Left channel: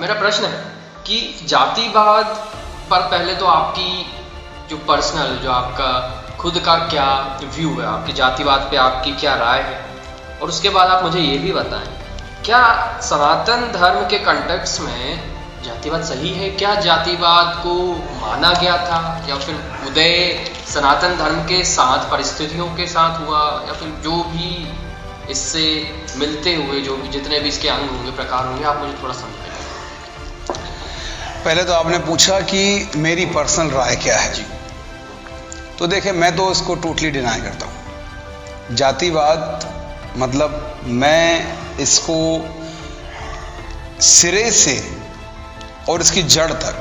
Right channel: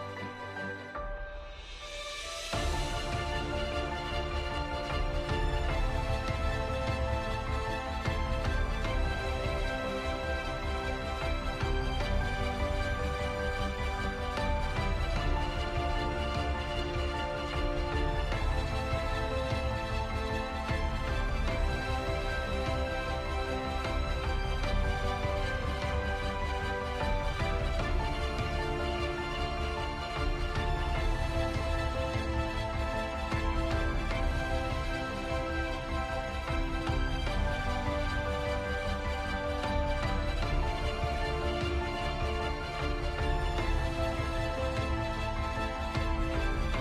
मेरा प्रश्न है कि जातिवाद पर पहले तो आपकी जो पर्सनल, जो आपका खुद का क्या व्यू है, आपकी जातिवाद पे आपकी क्या राय है, और उसके बाद आप मुझे ये भी बताएं, क्या सनातन धर्म के कंटेक्स्ट में जातिवाद सही है? क्या जातिवाद को माना गया था, या फिर उदय सनातन धर्म के साथ, परिस्थितियों के साथ हुआ, या फिर जो भी इससे मिलते हुए जो भी जितने भी इसके अंग होंगे, प्रकार होंगे, आप मुझे थोड़ा समझाइए। पहले तो आपने पूछा कि मेरी पर्सनल राय क्या है जी। तो देखिए, मैं तो इसको टोटली डिनाई करता हूँ। जातिवाद मतलब मैं इसको सिरे से और इसकी जड़ तक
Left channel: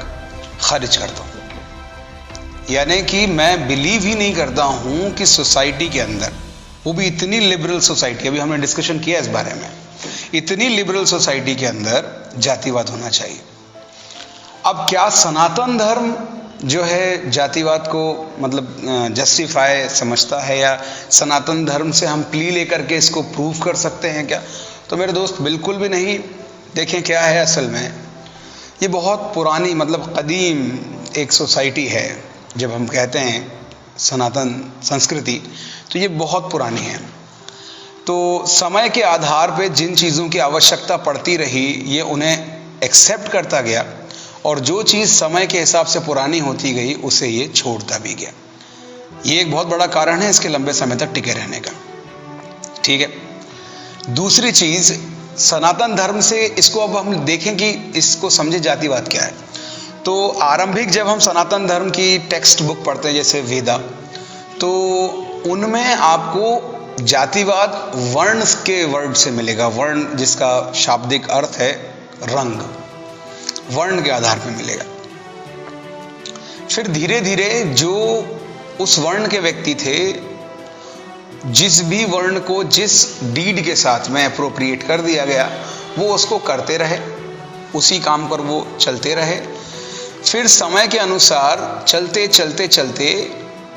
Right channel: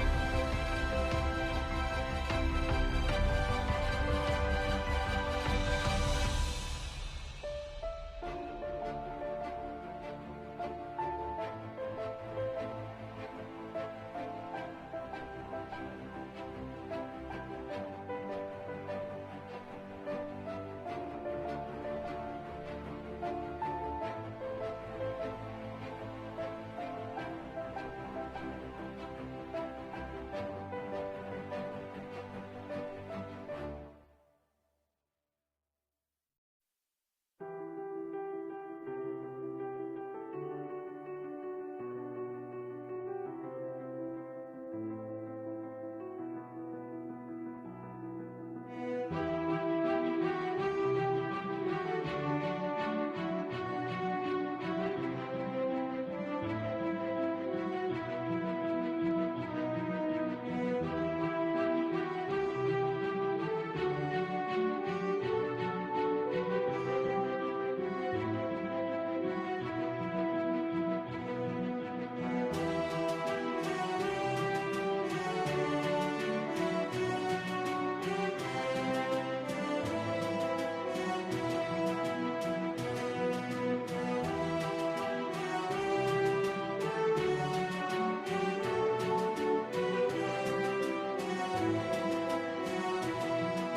खारिज करता हूँ। यानी कि मैं बिलीव ही नहीं करता हूँ कि सोसाइटी के अंदर, वो भी इतनी लिबरल सोसाइटी, अभी हमने डिस्कशन किया इस बारे में, इतनी लिबरल सोसाइटी के अंदर जातिवाद होना चाहिए। अब क्या सनातन धर्म जो है जातिवाद को मतलब जस्टिफाई समझता है, या सनातन धर्म से हम प्ली लेकर के इसको प्रूव कर सकते हैं क्या? तो मेरे दोस्त, बिल्कुल भी नहीं। देखें क्या है असल में, ये बहुत पुरानी मतलब कदीम एक सोसाइटी है। जब हम कहते हैं सनातन संस्कृति, तो ये बहुत पुरानी है। तो समय के आधार पे जिन चीज़ों की आवश्यकता पड़ती रही, ये उन्हें एक्सेप्ट करता गया, और जो चीज़ समय के हिसाब से पुरानी होती गई उसे ये छोड़ता भी गया। ये एक बहुत बड़ा कारण है इसके लंबे समय तक टिके रहने का। ठीक है। दूसरी चीज़, सनातन धर्म से इसको अब हम देखें कि इसको समझे जातिवाद क्या है। तो आरंभिक जब हम सनातन धर्म की टेक्स्ट बुक पढ़ते हैं, जैसे वेदा, तो उनमें आपको जातिवाद वर्ण के वर्ड से मिलेगा। वर्ण जिसका शाब्दिक अर्थ है रंग, वर्ण के आधार पर मिलेगा। फिर धीरे धीरे जो उस वर्ण के व्यक्ति थे, जिस भी वर्ण को जिस डीड के साथ में अप्रोप्रिएट कर दिया गया, वो उसको करते रहे, उसी काम पर वो चलते रहे। फिर समय के अनुसार चलते चलते चलते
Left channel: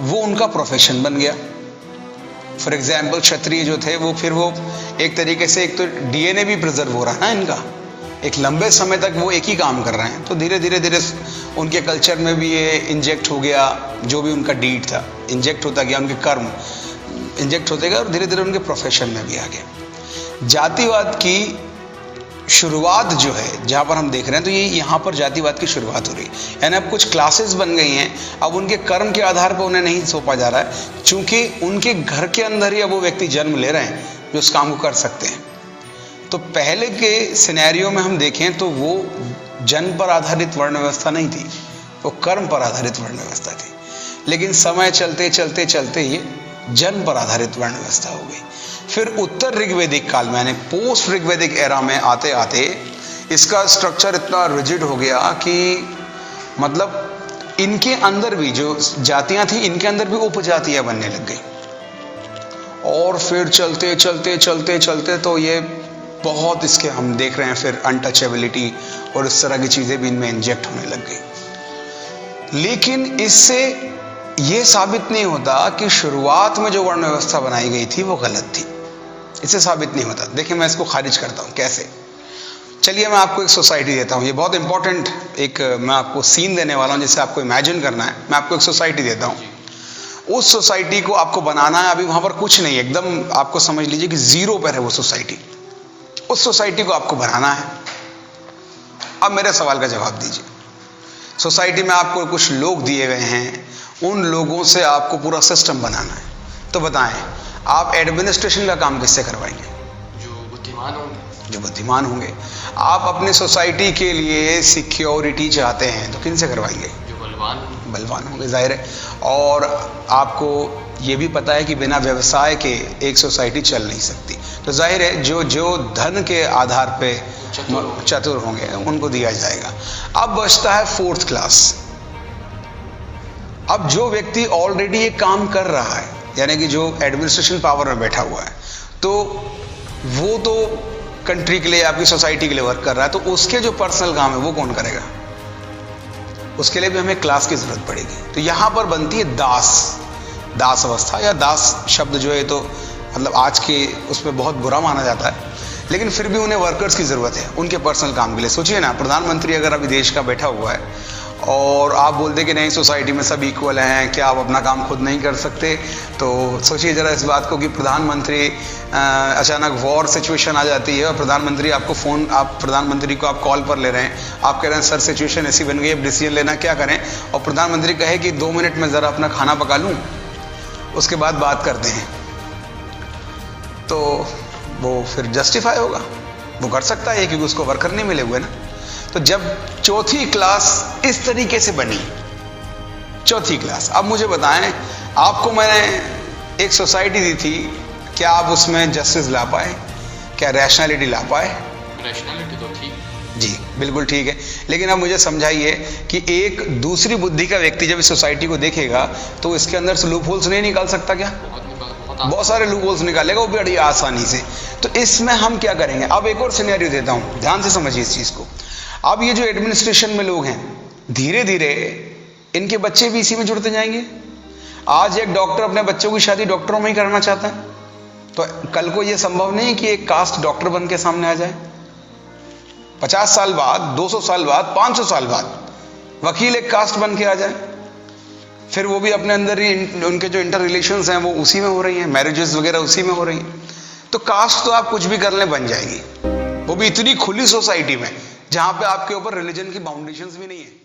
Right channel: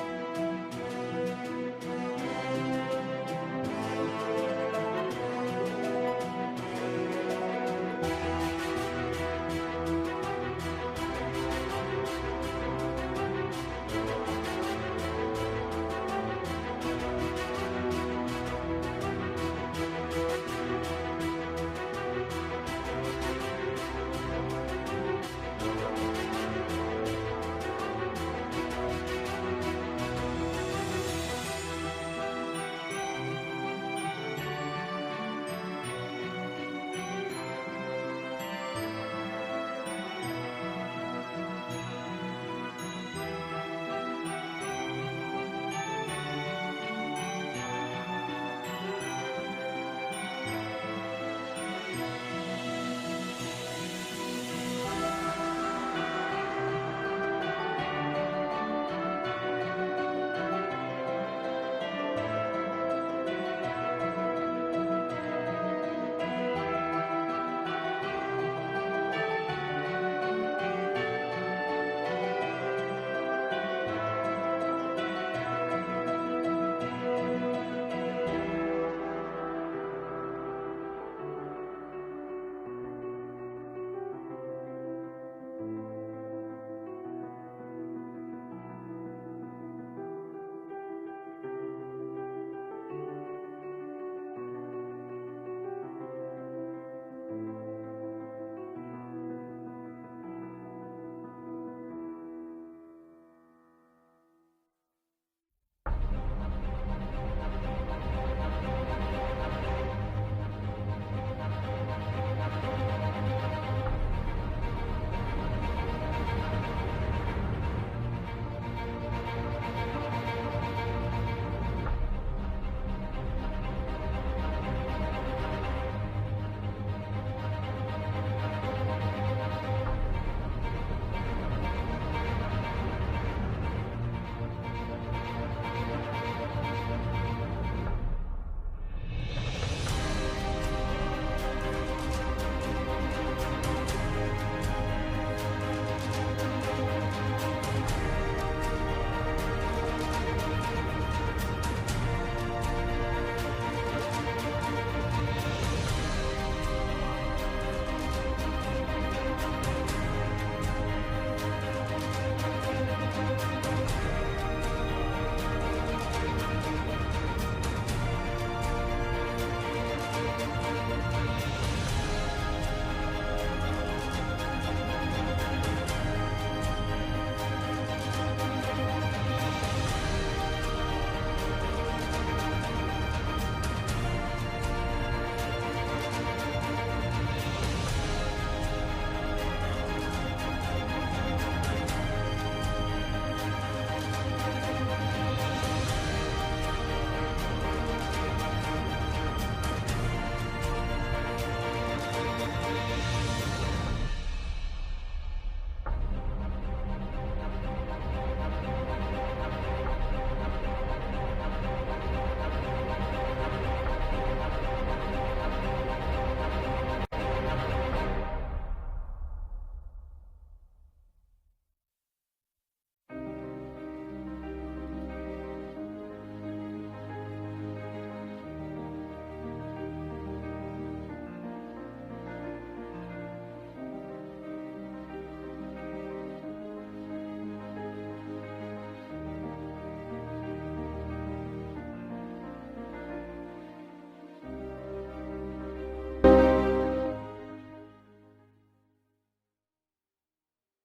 वो उनका प्रोफेशन बन गया। फॉर एग्जाम्पल, क्षत्रिय जो थे वो फिर वो एक तरीके से, एक तो डीएनए भी प्रिजर्व हो रहा है ना इनका, एक लंबे समय तक वो एक ही काम कर रहे हैं। तो धीरे धीरे धीरे उनके कल्चर में भी ये इंजेक्ट हो गया, जो भी उनका डीड था इंजेक्ट होता गया, उनके कर्म इंजेक्ट होते गए, और धीरे धीरे उनके प्रोफेशन में भी आ गया। जातिवाद की शुरुआत जो है, जहाँ पर हम देख रहे हैं, तो ये यहाँ पर जातिवाद की शुरुआत हो रही है। यानी अब कुछ क्लासेस बन गई हैं, अब उनके कर्म के आधार पर उन्हें नहीं सौंपा जा रहा है, क्योंकि उनके घर के अंदर ही अब वो व्यक्ति जन्म ले रहे हैं जो उस काम को कर सकते हैं। तो पहले के सिनेरियो में हम देखें तो वो जन्म पर आधारित वर्ण व्यवस्था नहीं थी, वो कर्म पर आधारित वर्ण व्यवस्था थी। लेकिन समय चलते चलते चलते ये जन्म पर आधारित वर्ण व्यवस्था हो गई। फिर उत्तर ऋग्वेदिक काल में, यानी पोस्ट ऋग्वेदिक एरा में आते आते इसका स्ट्रक्चर इतना रिजिड हो गया कि मतलब इनके अंदर भी जो जातियां थी, इनके अंदर भी उपजातियां बनने लग गई। और फिर चलते चलते चलते चलते तो ये बहुत, इसके हम देख रहे हैं फिर अनटचेबिलिटी और इस तरह की चीज़ें भी इनमें इंजेक्ट होने लग गई। लेकिन इससे ये साबित नहीं होता कि शुरुआत में जो वर्ण व्यवस्था बनाई गई थी वो गलत थी। इससे साबित नहीं होता। देखिए, मैं इसको खारिज करता हूँ कैसे। चलिए, मैं आपको एक सोसाइटी देता हूँ। ये बहुत इंपॉर्टेंट एक मैं आपको सीन देने वाला हूँ, जिसे आपको इमेजिन करना है। मैं आपको एक सोसाइटी देता हूँ। उस सोसाइटी को आपको बनाना है। अभी वहाँ पर कुछ नहीं, एकदम आपको समझ लीजिए कि जीरो पर है वो सोसाइटी। उस सोसाइटी को आपको बनाना है। अब मेरे सवाल का जवाब दीजिए। सोसाइटी में आपको कुछ लोग दिए गए हैं, उन लोगों से आपको पूरा सिस्टम बनाना है। तो बताएं, आप एडमिनिस्ट्रेशन का काम किससे करवाएंगे? जो बुद्धिमान होंगे। आप अपनी सोसाइटी के लिए सिक्योरिटी चाहते हैं तो किन से करवाएंगे? बलवान होंगे, जाहिर है। और आपको ये भी पता है कि बिना व्यवसाय के एक सोसाइटी चल नहीं सकती। तो जाहिर है जो धन के आधार पे चतुर होंगे उनको दिया जाएगा। अब बचता है फोर्थ क्लास। अब जो व्यक्ति ऑलरेडी ये काम कर रहा है, यानी कि जो एडमिनिस्ट्रेशन पावर में बैठा हुआ है, तो वो तो कंट्री के लिए, आपकी सोसाइटी के लिए वर्क कर रहा है, तो उसके जो पर्सनल काम है वो कौन करेगा? उसके लिए भी हमें क्लास की जरूरत पड़ेगी। तो यहाँ पर बनती है दास अवस्था, या दास शब्द जो है तो मतलब आज के उसमें बहुत बुरा माना जाता है, लेकिन फिर भी उन्हें वर्कर्स की ज़रूरत है उनके पर्सनल काम के लिए। सोचिए ना, प्रधानमंत्री अगर अभी देश का बैठा हुआ है और आप बोलते कि नहीं सोसाइटी में सब इक्वल हैं, क्या आप अपना काम खुद नहीं कर सकते? तो सोचिए ज़रा इस बात को कि प्रधानमंत्री अचानक वॉर सिचुएशन आ जाती है और प्रधानमंत्री प्रधानमंत्री को आप कॉल पर ले रहे हैं, आप कह रहे हैं सर सिचुएशन ऐसी बन गई, अब डिसीजन लेना क्या करें, और प्रधानमंत्री कहे कि 2 मिनट में ज़रा अपना खाना पका लूँ, उसके बाद बात करते हैं, तो वो फिर जस्टिफाई होगा, वो कर सकता है क्योंकि उसको वर्कर नहीं मिले हुए ना। तो जब चौथी क्लास इस तरीके से बनी, चौथी क्लास, अब मुझे बताएं, आपको मैंने एक सोसाइटी दी थी, क्या आप उसमें जस्टिस ला पाए? क्या रैशनैलिटी ला पाए? रैशनैलिटी तो ठीक, जी बिल्कुल ठीक है, लेकिन अब मुझे समझाइए कि एक दूसरी बुद्धि का व्यक्ति जब इस सोसाइटी को देखेगा तो इसके अंदर से लूप होल्स नहीं निकाल सकता क्या? बहुत सारे लूप होल्स निकालेगा वो बड़ी आसानी से। तो इसमें हम क्या करेंगे? अब एक और सिनेरियो देता हूं, ध्यान से समझिए इस चीज को। अब ये जो एडमिनिस्ट्रेशन में लोग हैं, धीरे धीरे इनके बच्चे भी इसी में जुड़ते जाएंगे। आज एक डॉक्टर अपने बच्चों की शादी डॉक्टरों में ही करना चाहता है, तो कल को यह संभव नहीं कि एक कास्ट डॉक्टर बन के सामने आ जाए। 50 साल बाद, 200 साल बाद, 500 साल बाद वकील एक कास्ट बन के आ जाए, फिर वो भी अपने अंदर ही उनके जो इंटर रिलेशंस हैं वो उसी में हो रही हैं, मैरिजेस वगैरह उसी में हो रही हैं। तो कास्ट तो आप कुछ भी कर ले बन जाएगी, वो भी इतनी खुली सोसाइटी में जहां पे आपके ऊपर रिलीजन की बाउंडेशंस भी नहीं है।